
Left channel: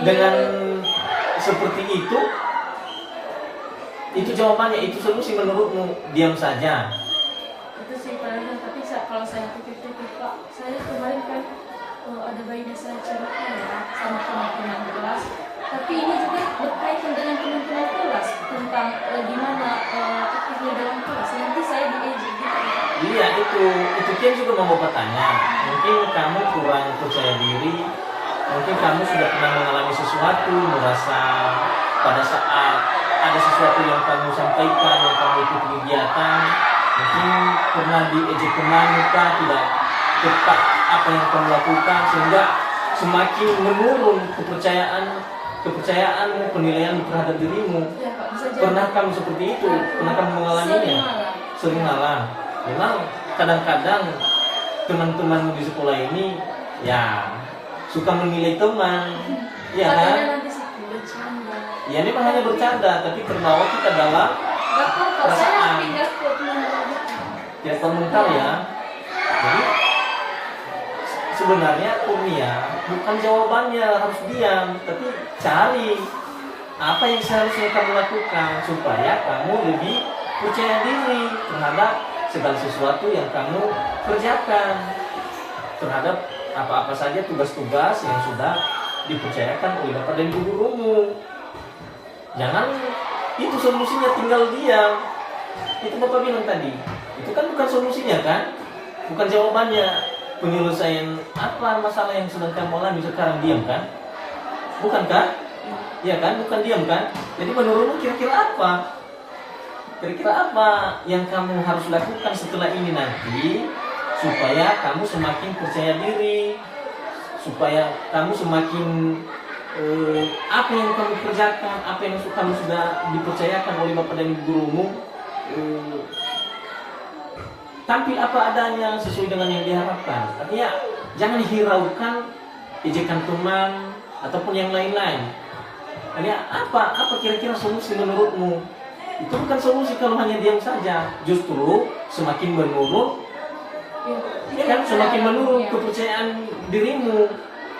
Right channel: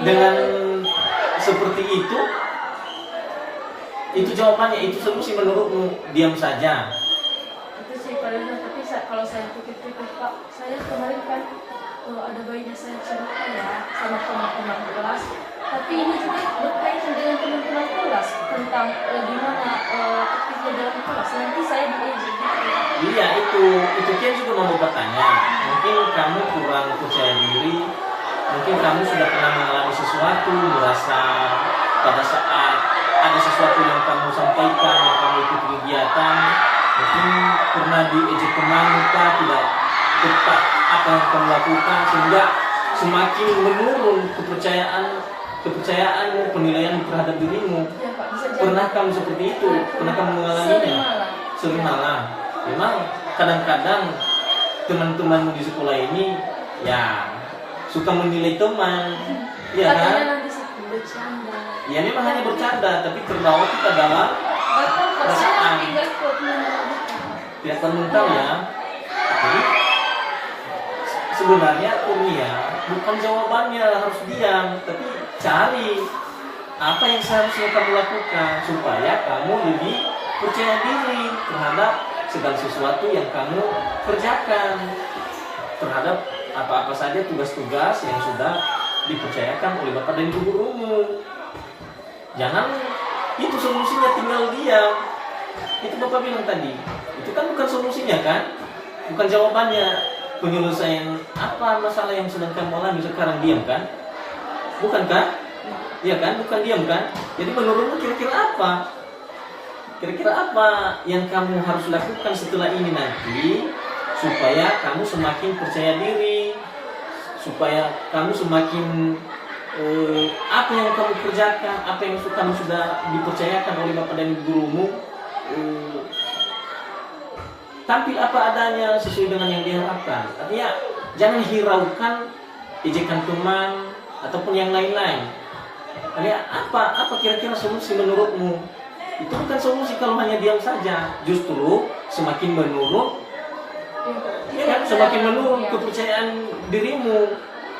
Iya. Dengan seperti itu jawabannya, itu solusi menurutmu, diam saja. Itu sih paling, tapi kalau saya pikir-pikir Pak, saya kemarin kan ada bayinya saya cerita ya sama teman-teman kelas, tapi ini juga berkaitan dengan teman-teman kelas tentang gimana aktifnya dalam kelas, nanti saya diejek gitu. Iya, itu Kian juga mau bertanya. Mungkin kamu kurang percaya diri, mungkin kamu sudah pernah mengalami sesuatu, merasa pada saat ada sesuatu yang kamu sampaikan, yang kamu ikut kegiatan, mungkin pernah diejek teman, tidak tepat apa yang kamu lakukan, sehingga semakin menurun kepercayaanmu, penilaian terhadap dirimu. Ya Pak, bisa jadi. Pernah kamu seperti itu? Pernah kamu mengalaminya? Sering malah. Memang kadang-kadang teman-temanmu di sekolah ini ya suka menilai teman, ya kan? Katanya nanti sih bercanda. Ya memang hanya bercanda, tapi terbawa kita dalam Bahkan kalau perasaan. saya tinggal kuat mental. tidak mental ya. Jadi sebenarnya Kurnia bukan jawabannya harus diam, tapi cari apa yang seharusnya kamu lakukan supaya kamu lebih percaya diri terhadap segala sesuatu yang kamu kerjakan, terhadap apa-apa saja tugas-tugas yang sudah dipercayakan oleh Bapak dan Ibu gurumu. Jangan itu solusinya tinggal diam. Itu Bapak bilang tadi, itu kan bukan solusinya kan, bukan jawabannya penyelesaian apa masalah yang sedang kamu alami sekarang, diam kan? Bukan kan? Iya kan, bukan diam kan? Jadi menurutmu kira-kira apa? Kira-kira apa yang kamu harus lakukan setelah ini nanti supaya kamu semakin percaya diri, supaya kamu semakin apa yang kamu kerjakan, apa yang kamu sudah dipercayakan oleh Bapak dan Ibu gurumu, tampil apa adanya sesuai dengan yang diharapkan. Artinya jangan hiraukan ejekan teman ataupun yang lain-lain. Artinya apa kira-kira solusi menurutmu? Itu bukan solusi kalau hanya diam saja, justru semakin menurun, ya kan? Semakin menurun kepercayaan dirimu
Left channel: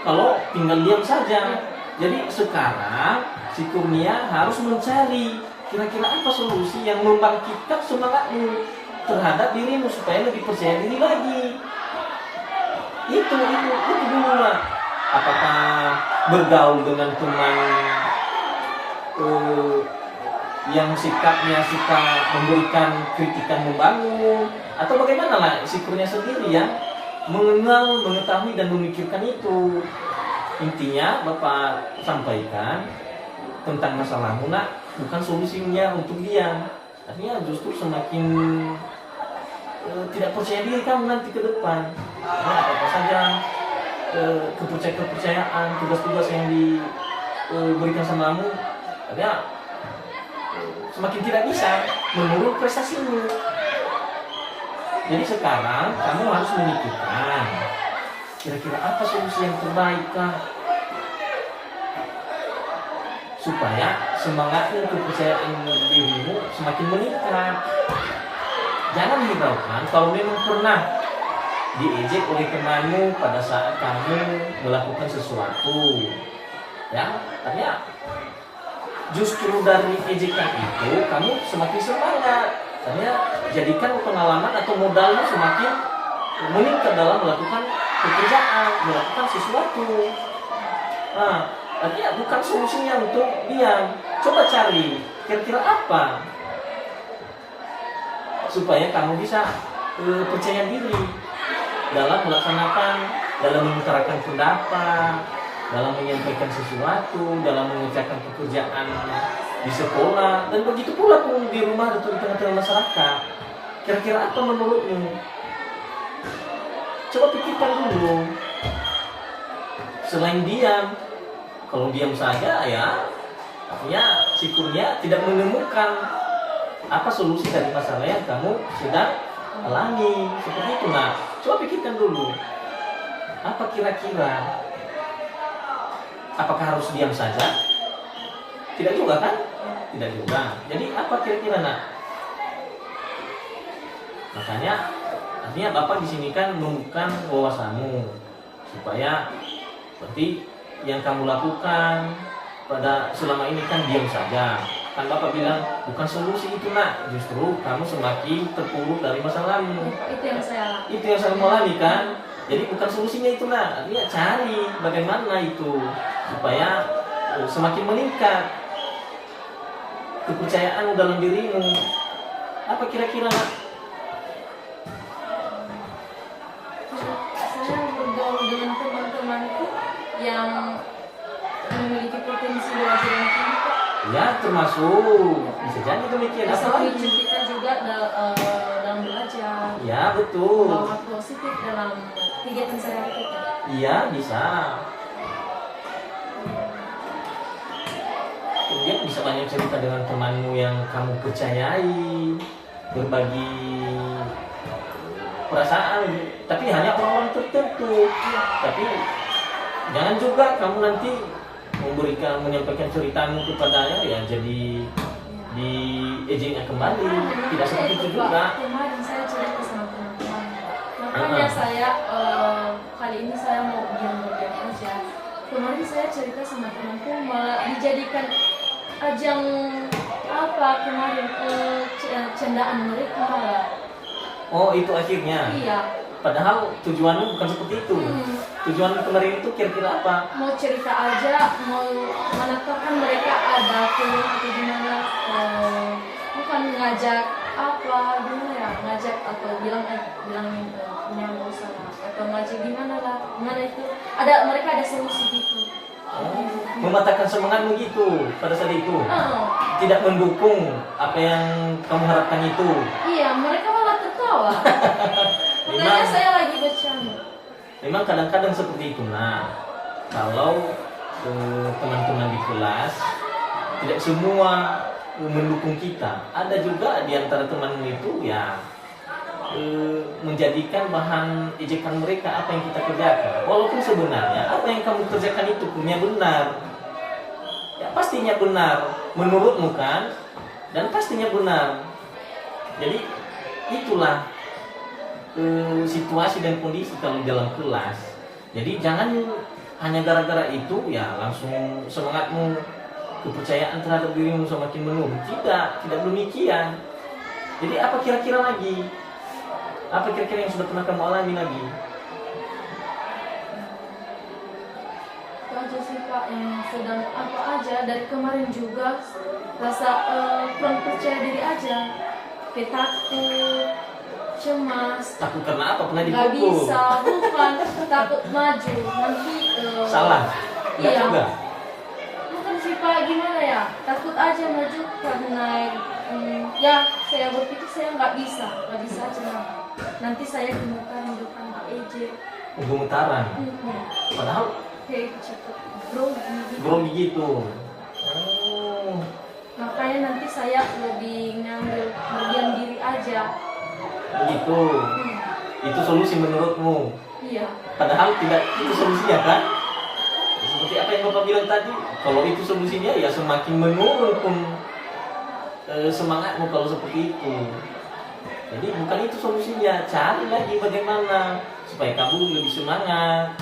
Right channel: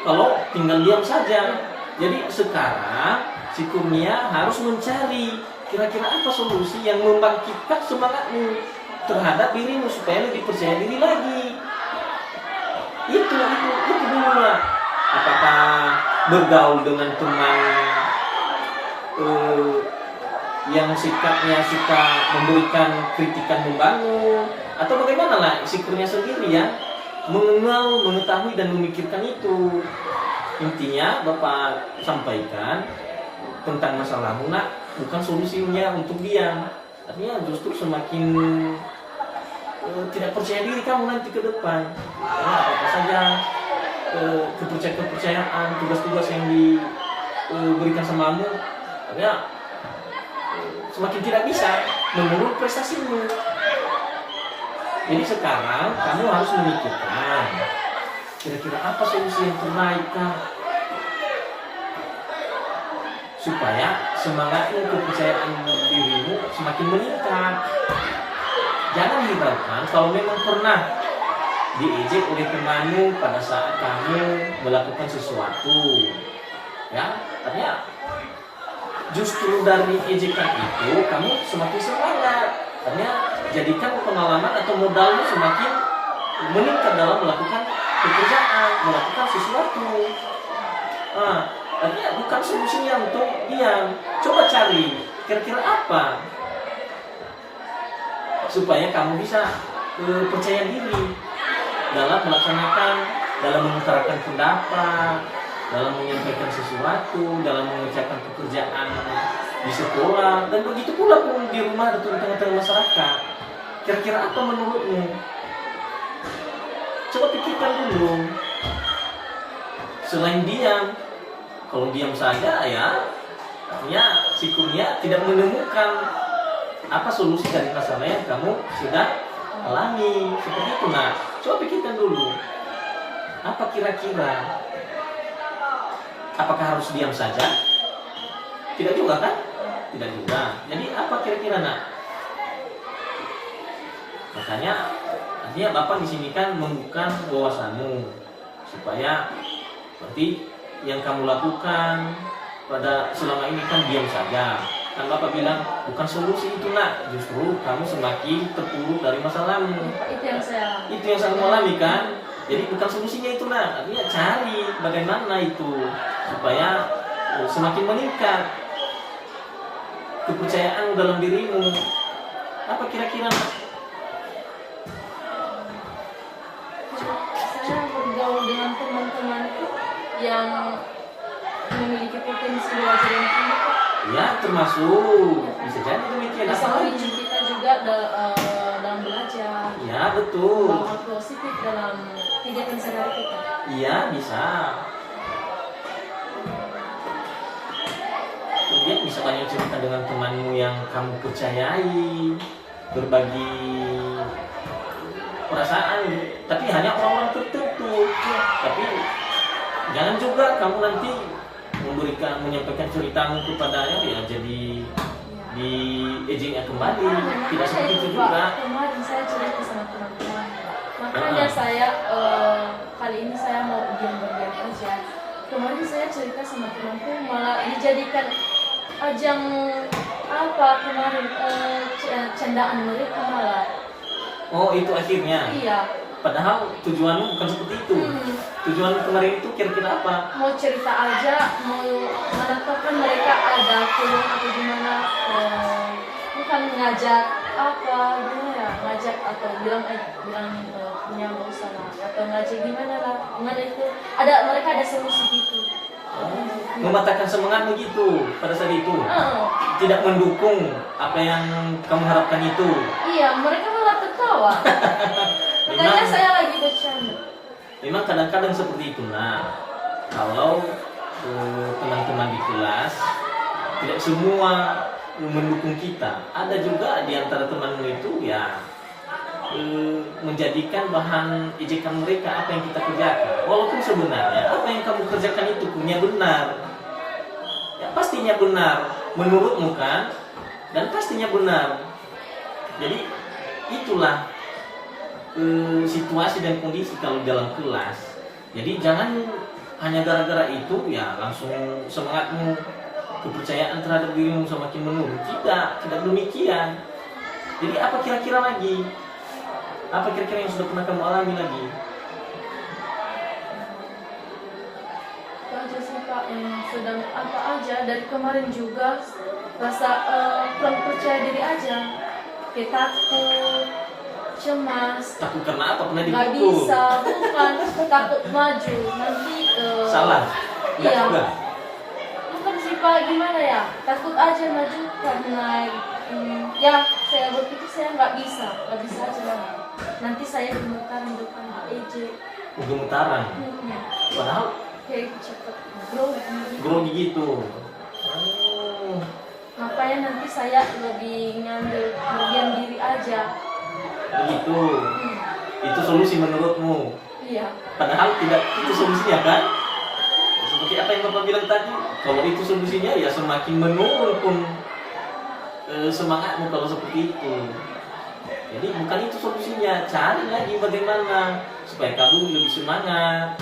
kalau tinggal diam saja. Jadi sekarang si Kurnia harus mencari kira-kira apa solusi yang membangkitkan semangatmu terhadap dirimu supaya lebih percaya diri lagi. Itu dulu lah. Apakah bergaul dengan teman yang sikapnya suka memberikan kritikan membangun, atau bagaimana lah si Kurnia sendiri ya mengenal, mengetahui dan memikirkan itu. Intinya Bapak sampaikan tentang masalahmu nak, bukan solusinya untuk diam. Artinya justru semakin tidak percaya diri kamu nanti ke depan. Karena apa saja kepercayaan, tugas-tugas yang diberikan samamu, artinya semakin tidak bisa menurun prestasimu. Jadi sekarang kamu harus memikirkan kira-kira apa solusi yang terbaik Kak? Supaya semangatmu, kepercayaan dirimu semakin meningkat. Jangan hiraukan kalau memang pernah diejek oleh temanmu pada saat kamu melakukan sesuatu. Ya, artinya justru dari ejekan itu kamu semakin semangat. Artinya jadikan pengalaman atau modalmu semakin meningkat dalam melakukan pekerjaan, melakukan sesuatu. Nah, Artinya bukan solusinya untuk diam. Coba cari kira-kira apa supaya kamu bisa percaya diri dalam melaksanakan, dalam mengutarakan pendapat, dalam menyampaikan sesuatu, dalam mengerjakan pekerjaan di sekolah, dan begitu pula pun di rumah atau di tengah-tengah masyarakat. Kira-kira apa menurutmu? Coba pikirkan dulu. Selain diam, kalau diam saja ya artinya sikurnya tidak menemukan apa solusi dari masalah yang kamu sedang alami. Seperti itu. Nah, coba pikirkan dulu. Apa kira-kira? Apakah harus diam saja? Tidak juga kan? Tidak juga. Jadi apa kira-kira nak? Makanya artinya Bapak di sini kan membuka wawasanmu supaya seperti yang kamu lakukan pada selama ini kan diam saja. Kan Bapak bilang bukan solusi itu nak, justru kamu semakin terpuruk dari masalahmu. Itu yang saya alami kan. Jadi bukan solusinya itu nak, artinya cari bagaimana itu supaya semakin meningkat kepercayaan dalam dirimu. Apa kira-kira nak? Saya bergaul dengan teman-temanku yang memiliki potensi belajar yang tinggi kok. Ya termasuk bisa jadi demikian. Bisa Apalagi memicu kita juga dalam belajar. Ya betul. Bawa positif dalam kegiatan sehari-hari kita. Iya bisa. Kemudian bisa banyak cerita dengan temanmu yang kamu percayai, berbagi perasaan, tapi hanya orang-orang tertentu. Tapi jangan juga kamu nanti menyampaikan ceritamu kepadanya ya jadi diejeknya kembali. Tidak seperti itu juga. Kemarin saya cerita sama teman-teman, makanya saya kali ini saya mau diam-diam aja. Kemarin saya cerita sama temanku malah dijadikan ajang apa kemarin candaan mereka malah. Oh itu akhirnya. Iya. Padahal tujuanmu bukan seperti itu. Tujuan kemarin itu kira-kira apa? Mau cerita aja, mau menetapkan mereka ada film atau gimana, bukan ngajak apa gimana ya, ngajak atau bilang punya nggak usah lah, atau ngajak gimana lah, gimana itu mereka ada solusi gitu. Mematahkan semangatmu gitu pada saat itu. Tidak mendukung apa yang kamu harapkan itu. Iya, mereka malah tertawa. Makanya saya lagi bercanda. Memang kadang-kadang seperti itu. Nah, kalau teman-teman di kelas tidak semua mendukung kita, ada juga di antara temanmu itu ya menjadikan bahan ejekan mereka apa yang kita kerjakan. Walaupun sebenarnya apa yang kamu kerjakan itu punya benar, ya pastinya benar menurutmu kan, dan pastinya benar. Jadi itulah situasi dan kondisi kalau dalam kelas. Jadi jangan hanya gara-gara itu ya langsung semangatmu, kepercayaan terhadap dirimu semakin menurun. Tidak demikian. Jadi apa kira-kira lagi? Apa kira-kira yang sudah pernah kamu alami lagi? Itu aja sih Pak, yang sedang apa aja dari kemarin juga rasa kurang percaya diri aja, kayak takut, cemas. Takut karena apa? Pernah Nggak dipukul? bisa, bukan takut maju nanti. Salah? Nggak Iya. juga? Bukan sih Pak, gimana ya? Takut aja maju karena ya saya berpikir saya nggak bisa aja lah. Nanti saya gemetaran depan EJ. Gemetaran. Padahal Kayak cepet grogi gitu. Makanya nanti saya lebih ngambil berdiam diri aja. Begitu. Itu solusi menurutmu? Iya. Padahal tidak itu solusinya kan? Seperti apa yang Bapak bilang tadi, kalau itu solusinya ya semakin menurun pun semangatmu kalau seperti itu. Jadi bukan itu solusinya, cari lagi bagaimana supaya kamu lebih semangat,